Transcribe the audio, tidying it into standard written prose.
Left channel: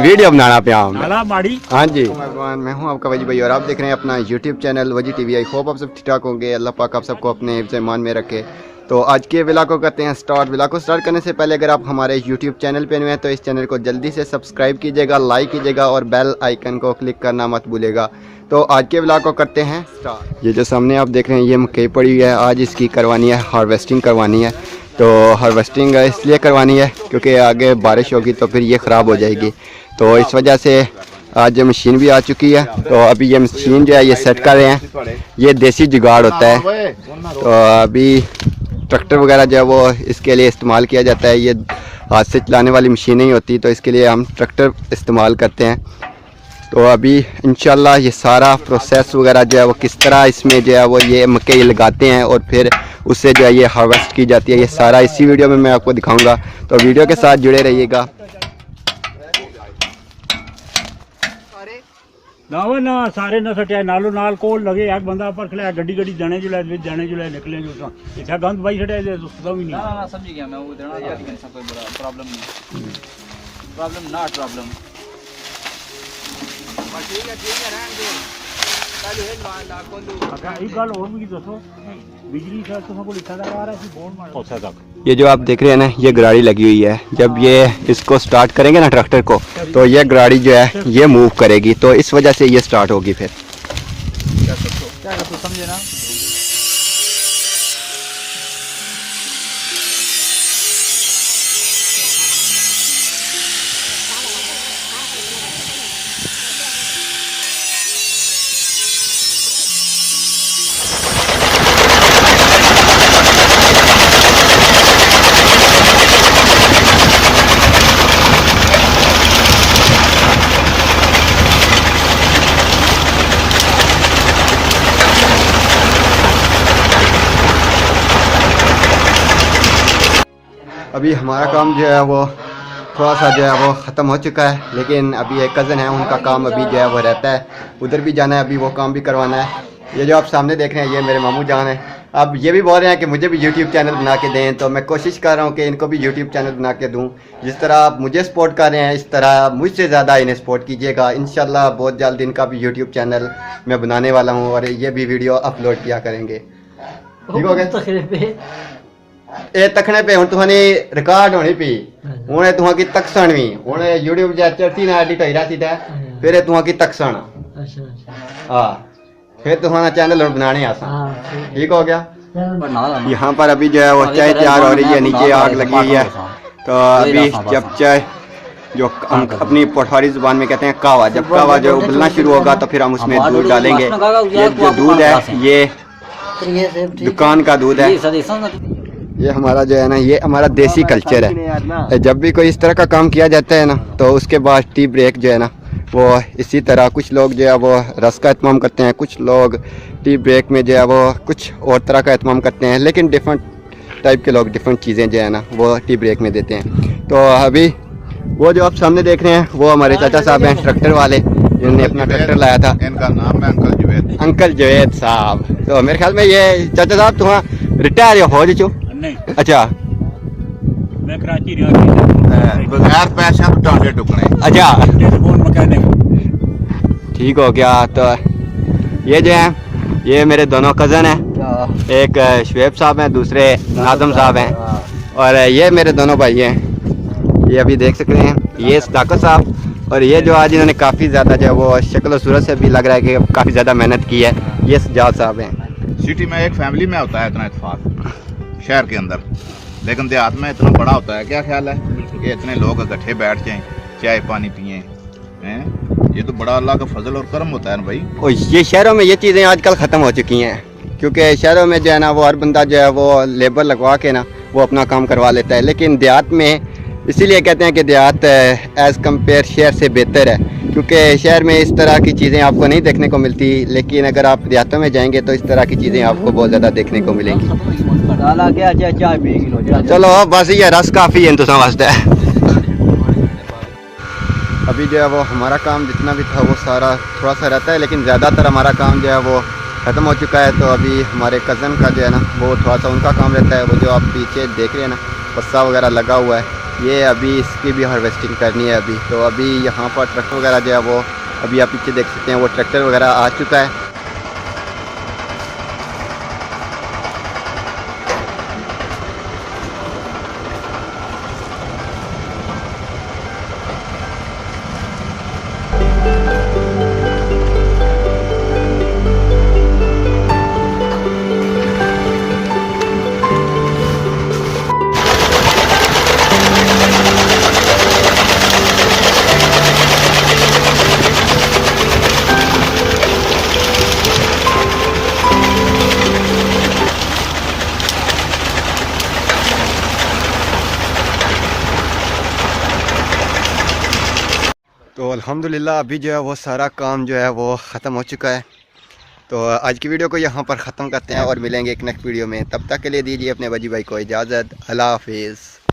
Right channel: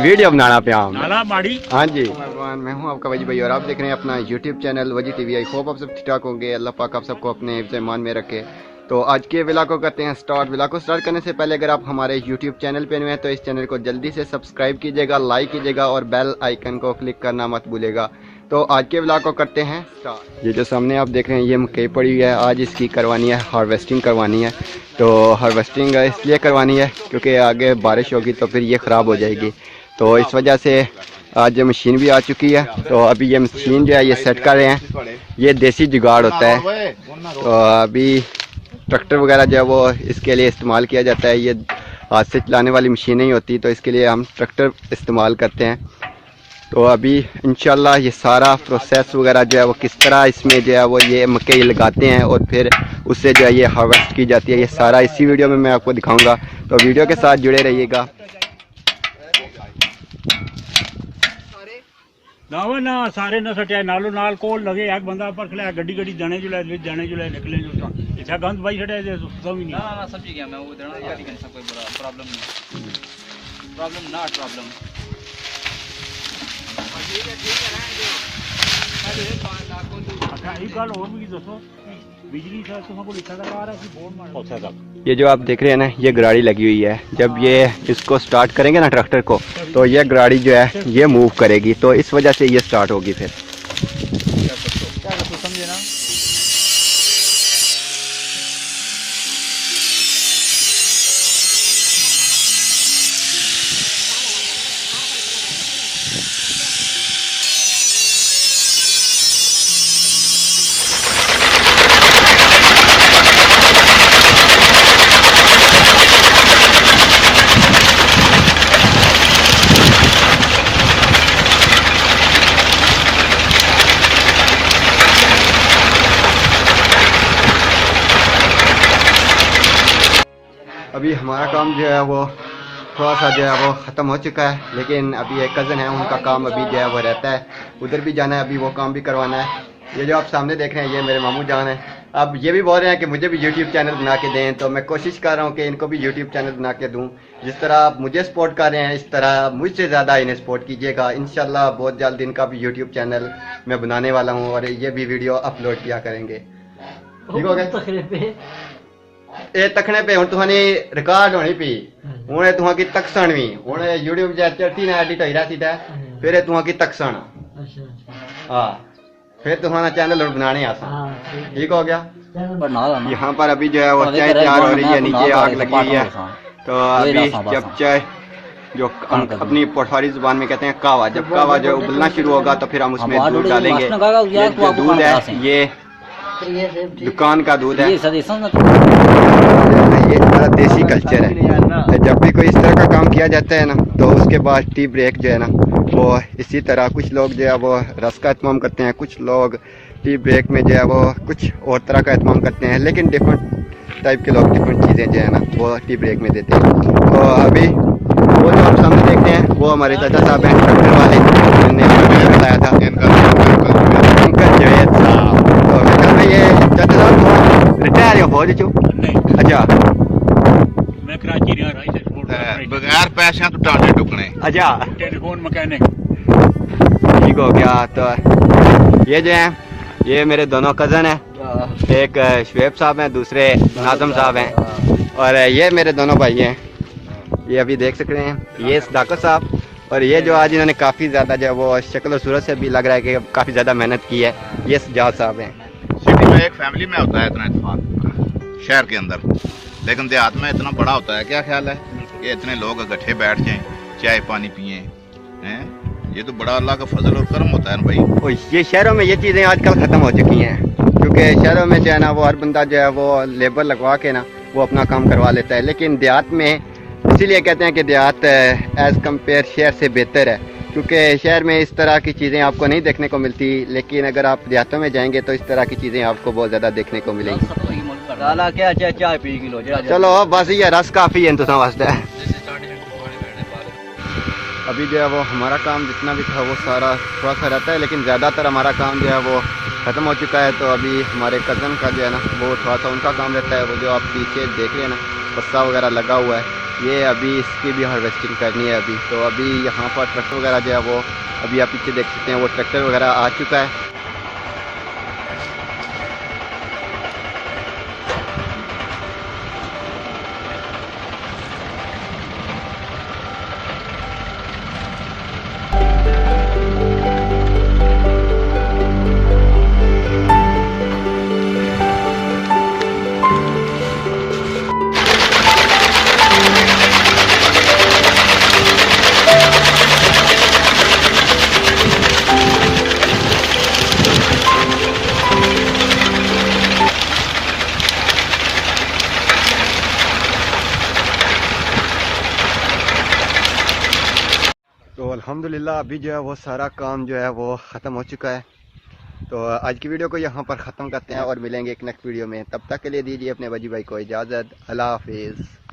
Video बनाना पे हम। हाँ जी, मैं हूं आपका वजी भाई और आप देख रहे हैं अपना यूट्यूब चैनल वजी टीवी। आई होप आप सब ठीक ठाक होंगे। अल्लाह पाक आप सबको अपने हिफ्ज़ ईमान में रखे। तो आज के व्लॉग को करते हैं स्टार्ट। व्लॉग को स्टार्ट करने से पहले अगर आप हमारे यूट्यूब चैनल पे नए हैं तो इस चैनल को जल्दी से सब्सक्राइब कीजिएगा, लाइक कीजिएगा और बेल आइकन को क्लिक करना मत भूलिएगा। तो आज के व्लॉग को करते हैं स्टार्ट। ये जो सामने आप देख रहे हैं ये मकई पड़ी हुई है, आज इसकी करवानी है, हार्वेस्टिंग करवानी है। तो हार्वेस्टिंग इसलिए करवानी है क्योंकि आगे बारिश होगी तो फिर ये ख़राब हो जाएगी। तो इस वजह से आज मशीन भी आ चुकी है। तो अभी ये मशीन जो है ये सेट कर रहे हैं। ये देसी जुगाड़ होता है। तो अभी ट्रैक्टर वगैरह जो है वो इसके लिए इस्तेमाल किया जाता है। ये हाथ से चलाने वाली मशीन नहीं होती, तो इसके लिए हम ट्रैक्टर इस्तेमाल करते हैं। तो अभी इंशाल्लाह ये सारा प्रोसेस वगैरह जो है वो किस तरह इसमें जो है वो ये मकई लगाते हैं और फिर उससे जो है ये हार्वेस्ट की जाती है, ये सारा इसी वीडियो में मैं आपको दिखाऊंगा। तो वीडियो के साथ जुड़े रहिएगा। ना सारे न सटिया नालो नाल कोल लगे एक बंदा पर खड़ा गड्डी गड्डी दाने जुले निकले जो इच्छा गंद भाई छड़े दे तो भी नहीं समझ गया मैं वो देना कोई प्रॉब्लम नॉट प्रॉब्लम पर ठीक है रहने दे पहले एक लाख को अगर एक गल और भी दसो बिजली का तो को लिखा आ रहा है बोर्ड में पहुंचा तक। ये जो आप देख रहे हैं ना ये गराड़ी लगी हुई है। जब ये इसको स्टार्ट करेंगे ना ट्रैक्टर को तो ये गराड़ी जो है ये मूव करेगी, तो इस वजह से ये स्टार्ट होगी। फिर क्या कर तो समझे ना। अभी हमारा काम जो है वो थोड़ा सा जो है वो ख़त्म हो चुका है, लेकिन अभी एक कज़न है उनका काम अभी जो है वो रहता है, उधर भी जाना है, अभी वो काम भी करवाना है। ये जो आप सामने देख रहे हैं ये मेरे मामू जान है। अब ये भी बोल रहे हैं कि मुझे भी यूट्यूब चैनल बना के दें, तो मैं कोशिश कर रहा हूँ कि इनको भी यूट्यूब चैनल बना के दूँ। जिस तरह आप मुझे सपोर्ट कर रहे हैं इस तरह मुझसे ज़्यादा इन्हें सपोर्ट कीजिएगा। इंशाल्लाह बहुत जल्द इनका भी यूट्यूब चैनल मैं बनाने वाला हूँ और ये भी वीडियो अपलोड किया करेंगे। ठीक हो गया? ए तखने पे हुन तुहानी रिकॉर्ड होनी पी हुन तुहा की तकसण भी हुन यूट्यूब जा चढ़ती ना एडिट होई रहती है, फिर तुहा की तकसण हां फिर तुहाना चैनल बनाने आसा। ठीक हो गया? यहाँ पर अभी जो है वो चाय तैयार हो रही है, नीचे आग लगी हुई है। तो अभी जब चाय जो हम अपनी पोठारी जुबान में कहते हैं कावा, जब कावा जो उबलना शुरू होगा तो फिर हम उसमें दूध डालेंगे। ये जो दूध है ये दुकान का दूध है, ये हमारा देसी कल्चर है। जब भी कोई इस तरह का काम किया जाता है ना तो उसके बाद टी ब्रेक जो है ना वो इसी तरह कुछ लोग जो है वो रस का एहतमाम करते हैं, कुछ लोग टी ब्रेक में जो है वो कुछ और तरह का एहतमाम करते हैं, लेकिन डिफरेंट टाइप के लोग डिफरेंट चीज़ें जो है ना वो टी ब्रेक में देते हैं। तो अभी वो जो हम सामने देख रहे हैं वो हमारे चाचा साहब हैं, ट्रैक्टर वाले, ने लाया था अंकल जवेद साहब। तो मैं ख्याल में ये चाचा साहब तुम रिटायर हो जो? अच्छा बगैर पैसे टाने टुकड़े। अच्छा ठीक हो गया। तो ये जो है ये मेरे दोनों कज़न हैं, एक शुएब साहब हैं, दूसरे आदम साहब हैं, और ये मेरे दोनों भाई हैं। ये अभी देख सकते हैं ये सदाकत साहब, और ये जो आज इन्होंने काफ़ी ज़्यादा जो वो शक्ल और सूरत से भी लग रहा है कि काफ़ी ज़्यादा मेहनत की है, ये सजाद साहब हैं। सिटी में एक फैमिली में होता है इतना इत्तेफाक शहर के अंदर, लेकिन देहात में इतना बड़ा होता है। क्या ख्याल है कि इतने लोग इकट्ठे बैठ जाएं, चाय पानी पिए? ये तो बड़ा अल्लाह का फजल और करम होता है भाई। और ये शहरों में ये चीज़ें आजकल ख़त्म हो चुकी हैं, क्योंकि शहरों में जो है ना वो हर बंदा जो है वो लेबर लगवा के ना वो अपना काम करवा लेता है, लेकिन देहात में इसीलिए कहते हैं कि देहात एज़ कम्पेयर शहर से बेहतर है, क्योंकि शहर में इस तरह की चीज़ें आपको नहीं देखने को मिलती, लेकिन अगर आप देहातों में जाएंगे तो इस तरह की चीज़ें आपको बहुत ज़्यादा देखने को मिलेंगी। चलो बस ये रस काफ़ी है इंतजाम वास्ते। अभी जो है वो हमारा काम जितना भी था वो सारा थोड़ा सा रहता है, लेकिन ज़्यादातर हमारा काम जो है वो ख़त्म हो चुका है। तो अभी हमारे कज़न का जो है ना वो थोड़ा सा उनका काम रहता है, वो जो आप पीछे देख रहे हैं ना बस्सा वगैरह लगा हुआ है, ये अभी इसकी भी हार्वेस्टिंग करनी है अभी। तो अभी यहाँ पर ट्रैक्टर वगैरह जो है वो अभी आप पीछे देख सकते हैं, वो ट्रैक्टर वगैरह आ चुका है। तो अल्हम्दुलिल्लाह अभी जो है वो सारा काम जो है वो ख़त्म हो चुका है। तो आज की वीडियो को यहाँ पर ख़त्म करते हैं और मिलेंगे एक नेक्स्ट वीडियो में। तब तक के लिए दीजिए अपने वजी भाई को इजाज़त। अल्लाह हाफिज़।